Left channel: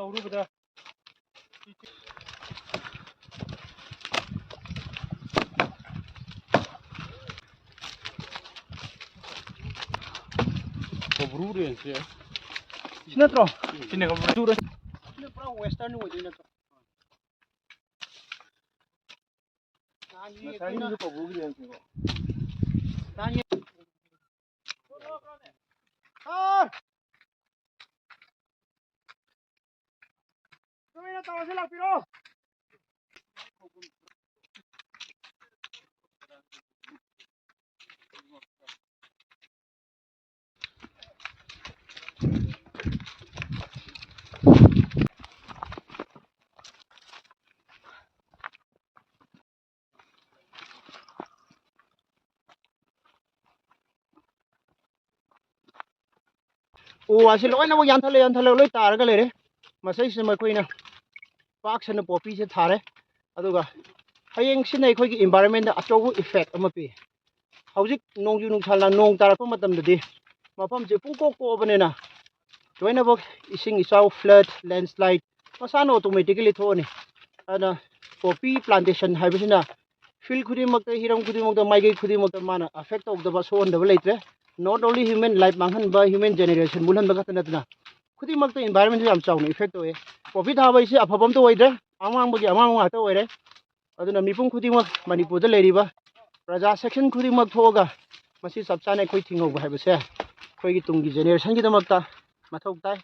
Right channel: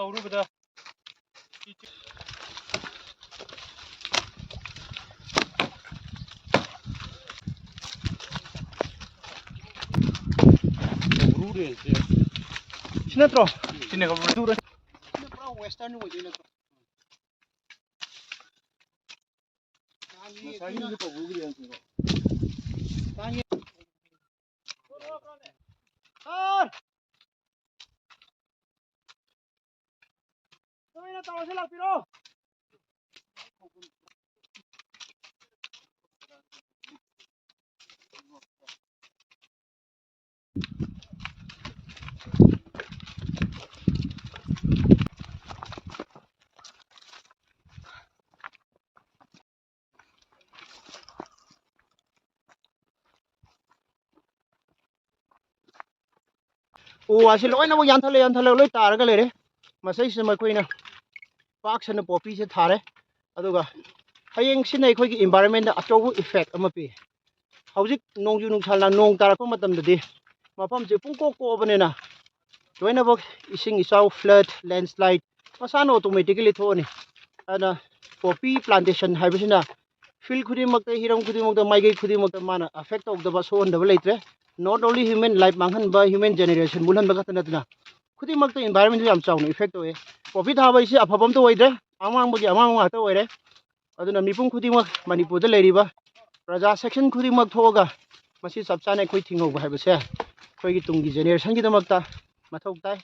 ꯇꯧꯔꯨꯕꯗ Sinatro. Sini ka bro. Pura western way na to. Masani ni ko bugri yan ko. Tani. Ah! Kami na tawa sila pero. Asi loi na mo yanthatle loi taraga lere masai se makoi na park sana poppy se thare aduga hayeng sina ekhoi gi environment da achobu effect ama pi hojik nongju nungsal na nong tarakpa matam dadi mafam je pungko ko banena loina bok ising isau flood landslide masana automatically thoni ana poppy plantation haibisina field khudi makta hiram khudi makta maigai khudi makta mana affect ogdaba so ondaba leitre not only human life manghan ba human generation mulhan ba katna tna khudi makta environment yam chawna effect oye poppy thaba isi afabam to oidre amang bagi amang ma ta oire aduna mipum khudi mak manipur da leiriba praja section khudi mak thoga masi chapchane khoi thingog ba haibase khoi gi tunggi generation gi damakta mathok tai